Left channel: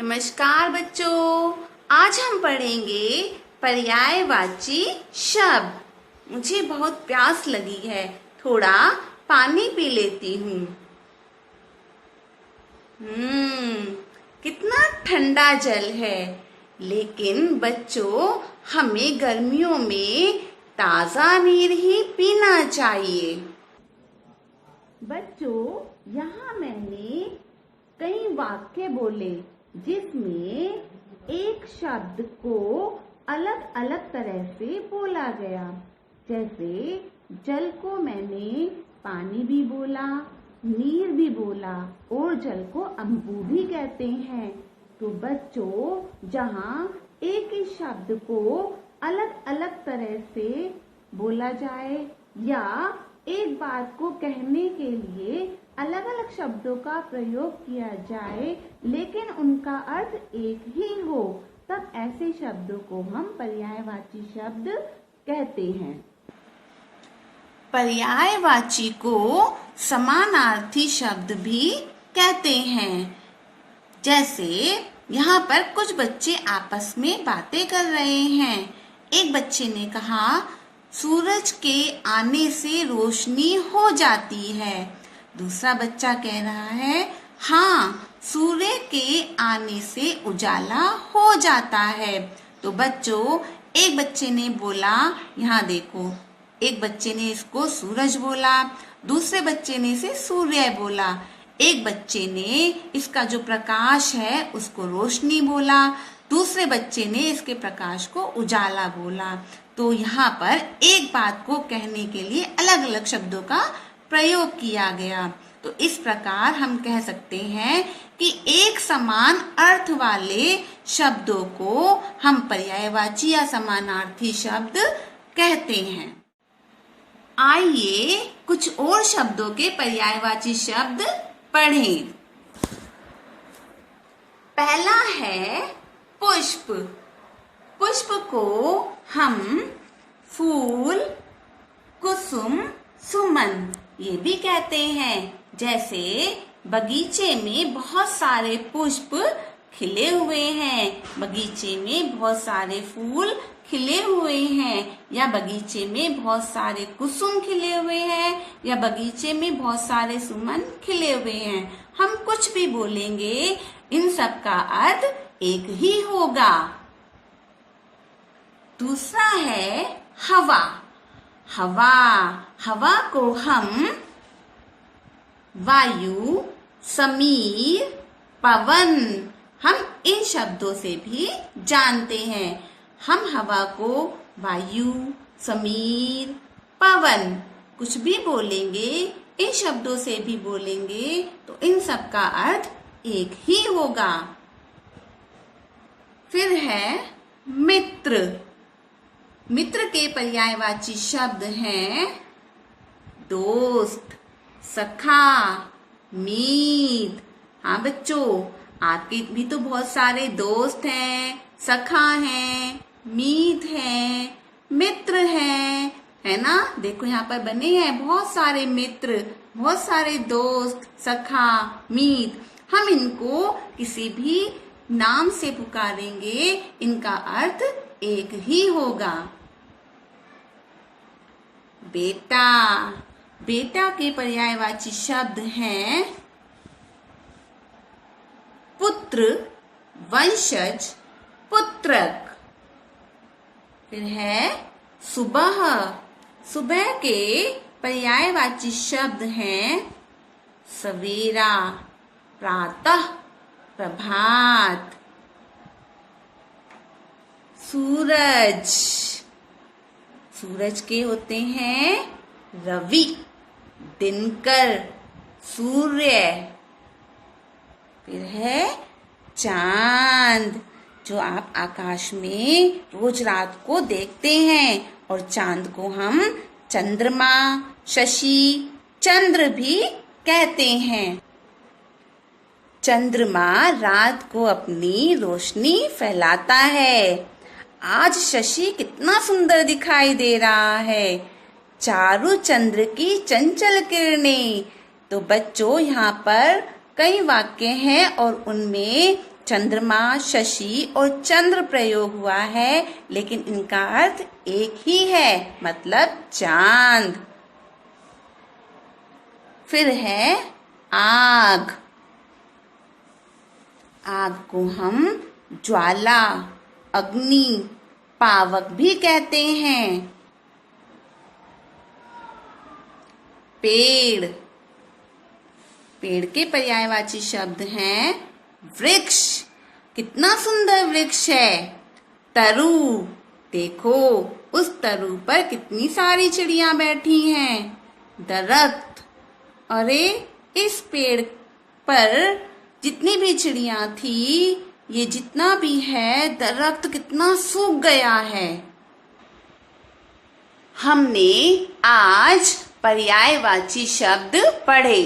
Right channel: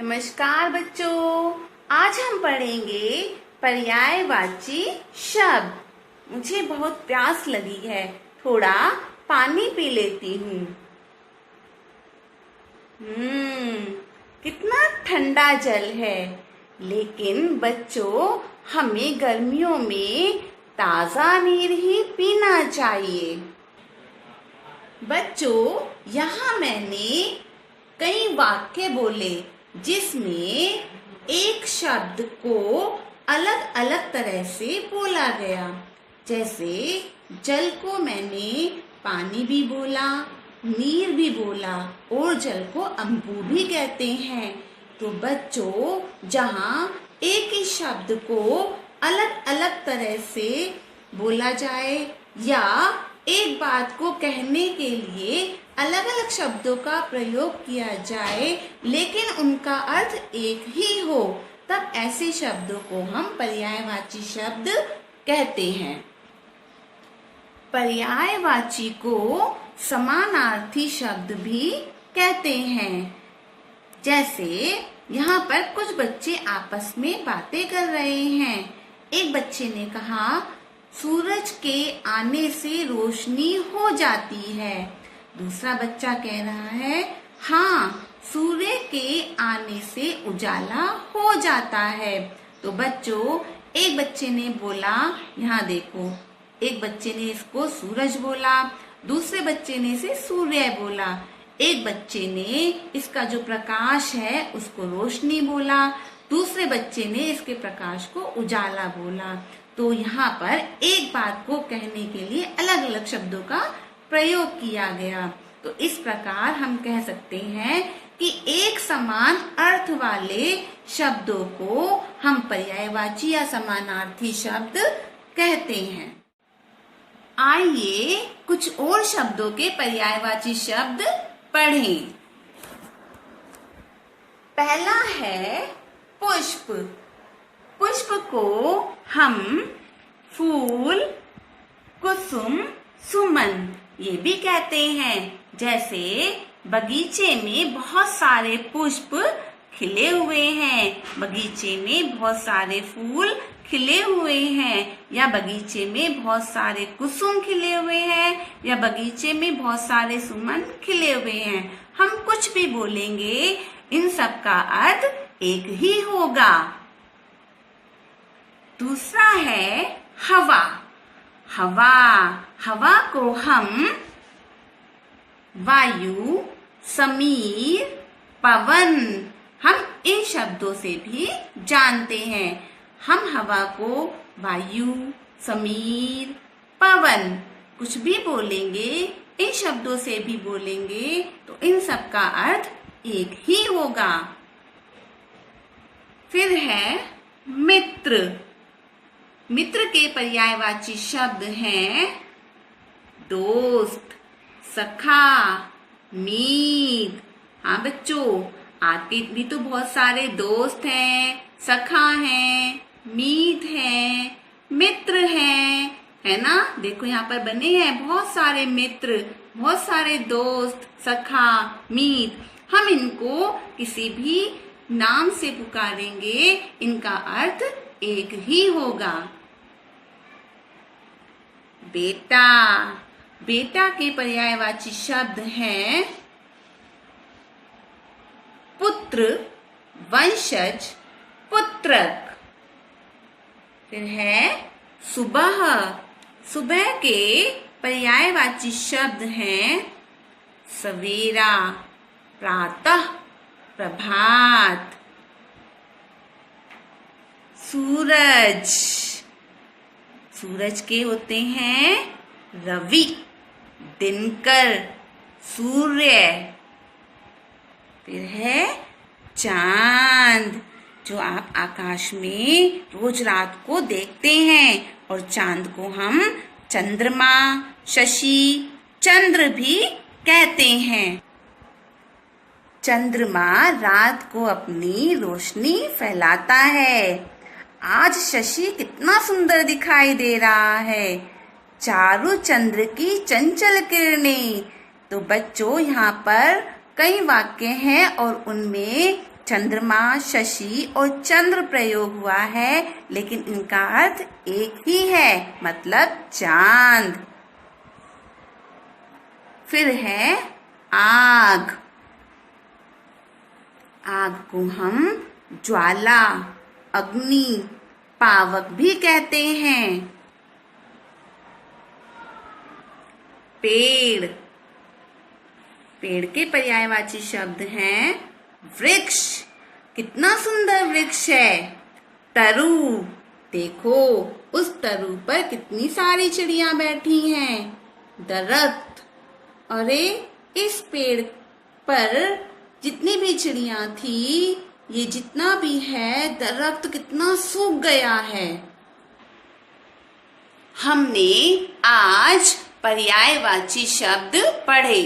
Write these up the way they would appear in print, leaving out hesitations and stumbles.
नमस्कार बच्चों, आज हम पढ़ेंगे पर्यायवाची शब्द। मुझे बहुत प्यास लगी है, थोड़ा पानी पी लेती हूँ। कितना ठंडा जल है। लेकिन बच्चों, हमें गर्मियों में ताज़ा नीर ही पीना चाहिए। बच्चों, यहाँ मैंने कई वाक्य बोले जिसमें एक शब्द को अलग अलग तरह से बोला गया। जैसे जल को मैंने पानी भी बोला, नीर भी बोला और जल को अम्बू भी कहते हैं। तो बच्चों, जहाँ एक ही शब्द को अलग अलग तरह से बोला जाए या एक बात को कहने के लिए अलग अलग शब्दों का प्रयोग किया जाए लेकिन उनका अर्थ एक ही हो, तब ऐसे शब्दों को हम पर्यायवाची शब्द कहते हैं। पर्यायवाची को समानार्थी शब्द भी कहते हैं। जैसे यहाँ पर कुछ बच्चे आपस में बातें कर रहे हैं। एक बच्चे ने कहा, सूरज के आने से रोशनी हो जाती है। दूसरा बच्चा कह रहा है, हाँ, सूर्य के आने से उजाला हो जाता है। तो बच्चों, एक बच्चे ने बोला, यहाँ देखो, एक बच्चे ने इसको सूरज बोला, दूसरे बच्चे ने इसे सूर्य बोला, एक बच्चे ने इसका जो प्रकाश है उसको रोशनी बोला, दूसरे बच्चे ने इसके प्रकाश को उजाला बोला। तो यहाँ पर एक बात को कहने के लिए अलग अलग शब्दों का प्रयोग किया गया। तो इस प्रकार हम कह सकते हैं कि एक समान अर्थ वाले शब्दों को हम पर्यायवाची या समानार्थी शब्द कहते हैं। आइए कुछ और शब्दों के पर्यायवाची शब्द पढ़ें। पहला है पुष्प। पुष्प को हम फूल, कुसुम, सुमन ये भी कहते हैं। जैसे बगीचे में बहुत सारे पुष्प खिले हुए हैं, बगीचे में बहुत सारे फूल खिले हुए हैं, या बगीचे में बहुत सारे कुसुम खिले हुए हैं, या बगीचे में बहुत सारे सुमन खिले हुए हैं। हम कुछ भी बोलेंगे, इन सब का अर्थ एक ही होगा। दूसरा है हवा। हवा, हवा को हम वायु, समीर, पवन, हम इन शब्दों से भी जानते हैं। हम हवा को वायु, समीर, पवन कुछ भी बोलेंगे, इन शब्दों से भी बोलेंगे तो इन सब का अर्थ एक ही होगा। फिर है मित्र। मित्र के पर्यायवाची शब्द हैं दोस्त, सखा, मीत। हाँ बच्चों, आपके भी तो बहुत सारे दोस्त हैं, सखा हैं, मीत हैं, मित्र हैं, है ना। देखो यहाँ पर बने हैं बहुत सारे मित्र, बहुत सारे दोस्त, सखा, मीत। हम इनको किसी भी नाम से पुकारेंगे, इनका अर्थ एक ही होगा। बेटा। बेटा के पर्यायवाची शब्द हैं पुत्र, वंशज, पुत्रक। फिर है सुबह। सुबह के पर्यायवाची शब्द हैं सवेरा, प्रातः, प्रभात। सूरज। सूरज के होते हैं रवि, दिनकर, सूर्य। फिर है चांद, जो आप आकाश में रोज रात को देखते हैं, और चांद को हम चंद्रमा, शशि, चंद्र भी कहते हैं। चंद्रमा रात को अपनी रोशनी फैलाता है। आज शशि कितना सुंदर दिखाई दे रहा है, चारु चंद्र की चंचल किरणें। तो बच्चों, यहाँ पर कई वाक्य हैं और उनमें चंद्रमा, शशि और चंद्र प्रयोग हुआ है, लेकिन इनका अर्थ एक ही है, मतलब चांद। फिर है आग। आग को हम ज्वाला, अग्नि, पावक भी कहते हैं। पेड़। पेड़ के पर्यायवाची शब्द हैं वृक्ष। कितना सुंदर वृक्ष है। तरु। देखो उस तरु पर कितनी सारी चिड़िया बैठी हैं। दरख्त। अरे इस पेड़ पर जितनी भी चिड़िया थी, ये जितना भी है दरख्त कितना सूख गया है। हमने आज पर्यायवाची शब्द पढ़े।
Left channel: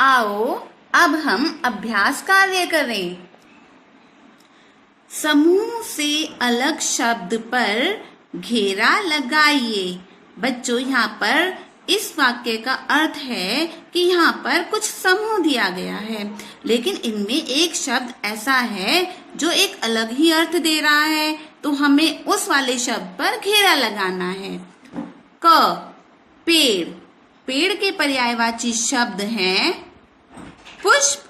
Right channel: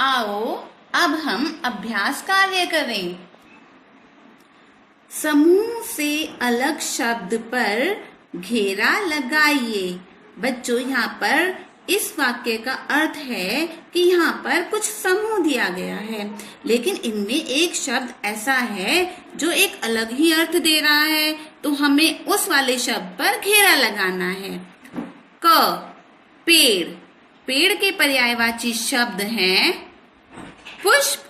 आओ अब हम अभ्यास कार्य करें। समूह से अलग शब्द पर घेरा लगाइए। बच्चों, यहाँ पर इस वाक्य का अर्थ है कि यहाँ पर कुछ समूह दिया गया है, लेकिन इनमें एक शब्द ऐसा है जो एक अलग ही अर्थ दे रहा है, तो हमें उस वाले शब्द पर घेरा लगाना है। क। पेड़। पेड़ के पर्यायवाची शब्द हैं पुष्प,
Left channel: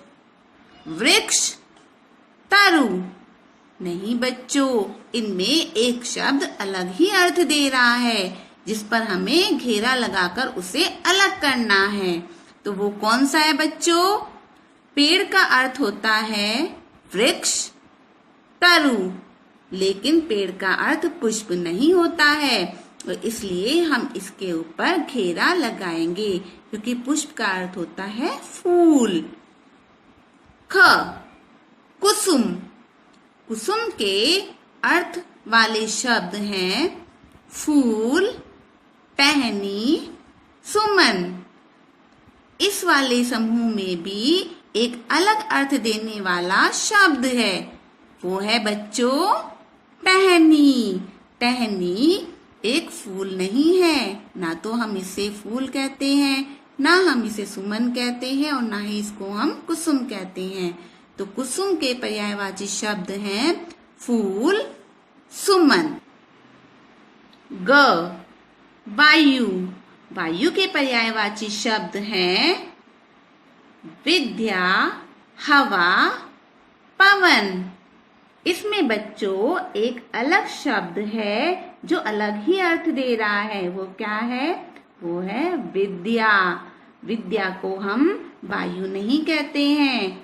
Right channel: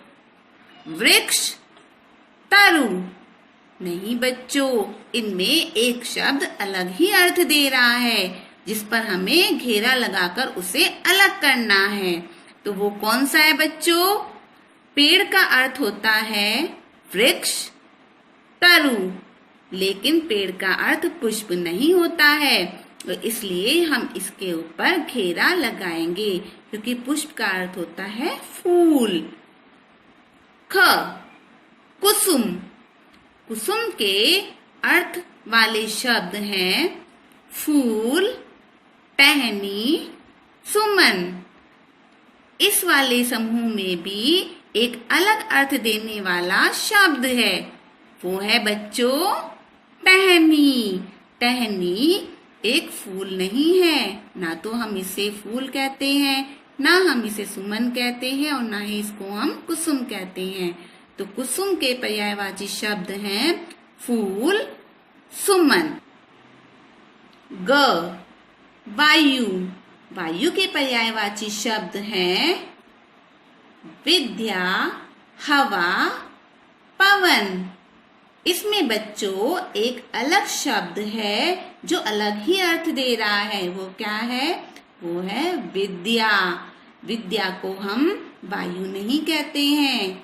वृक्ष, तरु। नहीं बच्चों, इनमें एक शब्द अलग ही अर्थ दे रहा है, जिस पर हमें घेरा लगाकर उसे अलग करना है। तो वो कौन सा है बच्चों? पेड़ का अर्थ होता है वृक्ष, तरु, लेकिन पेड़ का अर्थ पुष्प नहीं होता है, तो इसलिए हम इसके ऊपर घेरा लगाएंगे, क्योंकि पुष्प का अर्थ होता है फूल। ख। कुसुम। कुसुम के अर्थ वाले शब्द हैं फूल, टहनी, सुमन। इस वाले समूह में भी एक अलग अर्थ देने वाला शब्द है, वो है बच्चों टहनी। टहनी एक फूल नहीं है, ना तो हम इसे फूल कहते हैं, ना हम इसे सुमन कहते हैं, और ना ही इसको हम कुसुम कहते हैं। तो कुसुम के पर्यायवाची शब्द हैं फूल, सुमन। ग। वायु। वायु के पर्यायवाची शब्द हैं विद्या, हवा, पवन। इसमें बच्चों एक अलग शब्द है जो अलग ही अर्थ दे रहा है, वो क्या है? वो है विद्या। विद्या को हम वायु नहीं कहते हैं,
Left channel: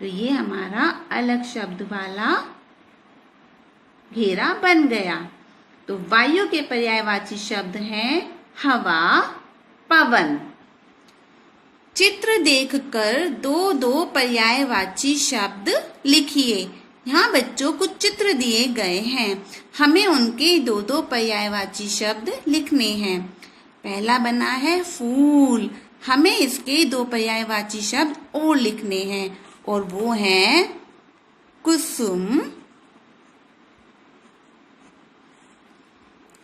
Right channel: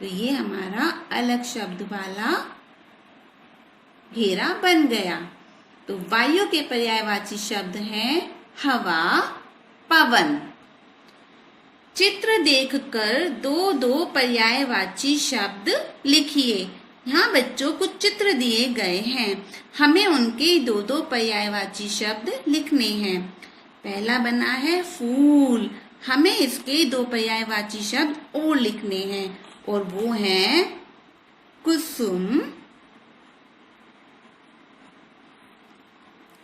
तो ये हमारा अलग शब्द वाला घेरा बन गया। तो वायु के पर्यायवाची शब्द हैं हवा, पवन। चित्र देखकर दो दो पर्यायवाची शब्द लिखिए। यहाँ बच्चों कुछ चित्र दिए गए हैं, हमें उनके दो दो पर्यायवाची शब्द लिखने हैं। पहला बना है फूल, हमें इसके दो पर्यायवाची शब्द और लिखने हैं, और वो हैं कुसुम,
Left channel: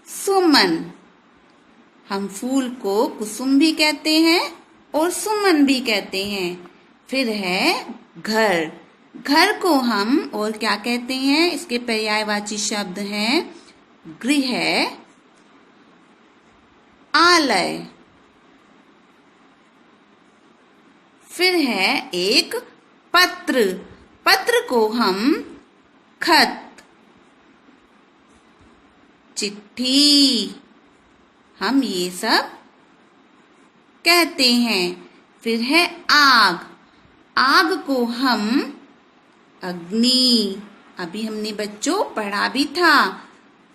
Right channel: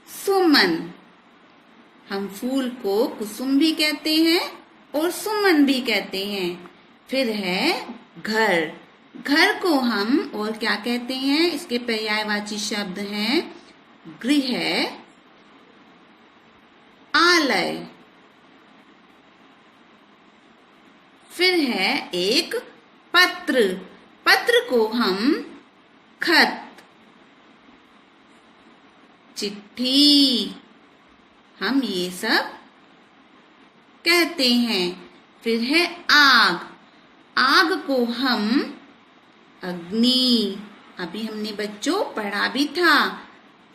सुमन। हम फूल को कुसुम भी कहते हैं और सुमन भी कहते हैं। फिर है घर। घर को हम और क्या कहते हैं? इसके पर्यायवाची शब्द हैं गृह, आलय। फिर है एक पत्र। पत्र को हम खत, चिट्ठी, हम ये सब कहते हैं। फिर है आग। आग को हम अग्नि, अभी हमने बच्चों पढ़ा भी था,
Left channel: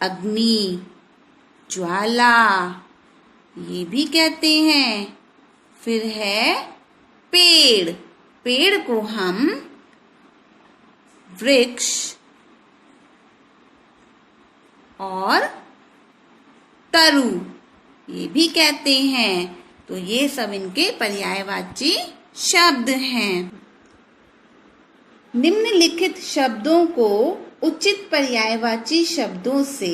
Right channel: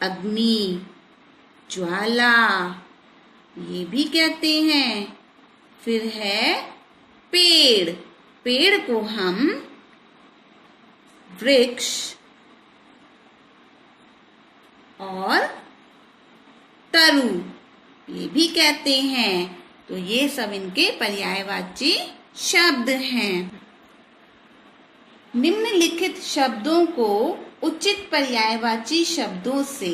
अग्नि, ज्वाला, ये भी कहते हैं। फिर है पेड़। पेड़ को हम वृक्ष और तरु ये भी कहते हैं। तो ये सब इनके पर्यायवाची शब्द हैं। निम्नलिखित शब्दों को उचित पर्यायवाची शब्दों से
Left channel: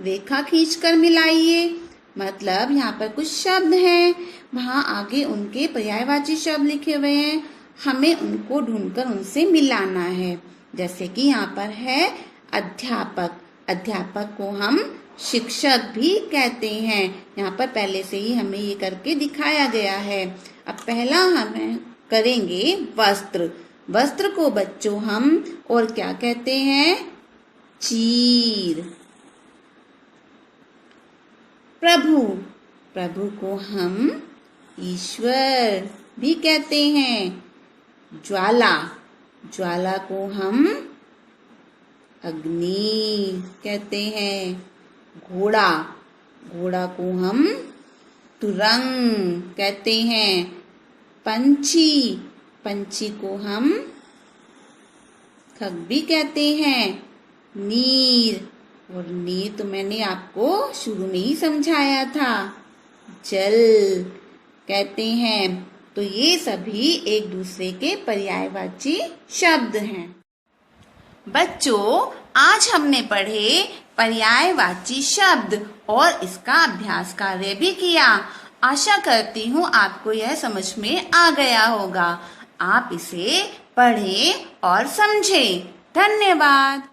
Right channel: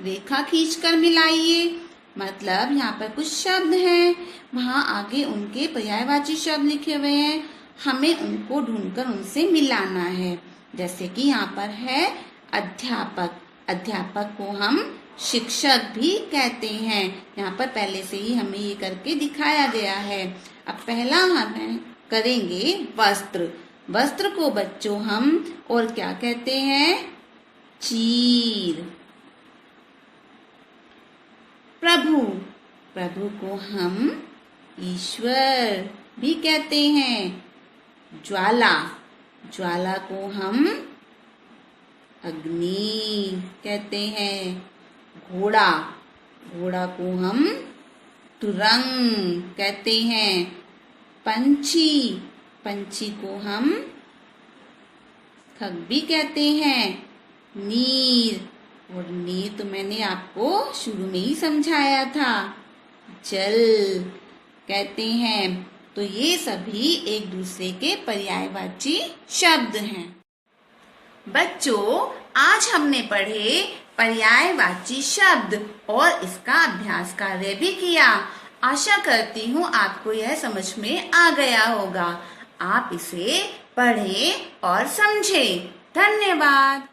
रेखा खींचकर मिलाइए। मतलब यहाँ पर कुछ शब्द हैं, वहाँ आगे उनके पर्यायवाची शब्द लिखे हुए हैं, हमें उनको ढूंढकर उनसे मिलाना है। जैसे कि यहाँ पर है अध्यापक। अध्यापक को हम शिक्षक भी कहते हैं। यहाँ पर पहले से ही हमें ये करके दिखाया गया है। अब पहला हम करेंगे वस्त्र। वस्त्र को बच्चों हम और क्या कहते हैं? चीर। प्रभु। प्रभु को हम ईश्वर भी कहते हैं। ज्वाला। ज्वाला को हम अग्नि कहते हैं। घोड़ा। घोड़ा को हम तुरंग कहते हैं। पंछी। पंछी को हम खग भी कहते हैं। नीर। और नीर तो मैंने आपको शुरू में ही समझाया था, जल कहते हैं। तो ये सभी एक दूसरे के पर्यायवाची शब्द हैं। बच्चों, आज हमने पढ़े पर्यायवाची शब्द और इसका अभ्यास कार्य भी किया। आशा करती हूँ आपको यह समझ में आ गया होगा। आप इसे पढ़ें और समझें। धन्यवाद।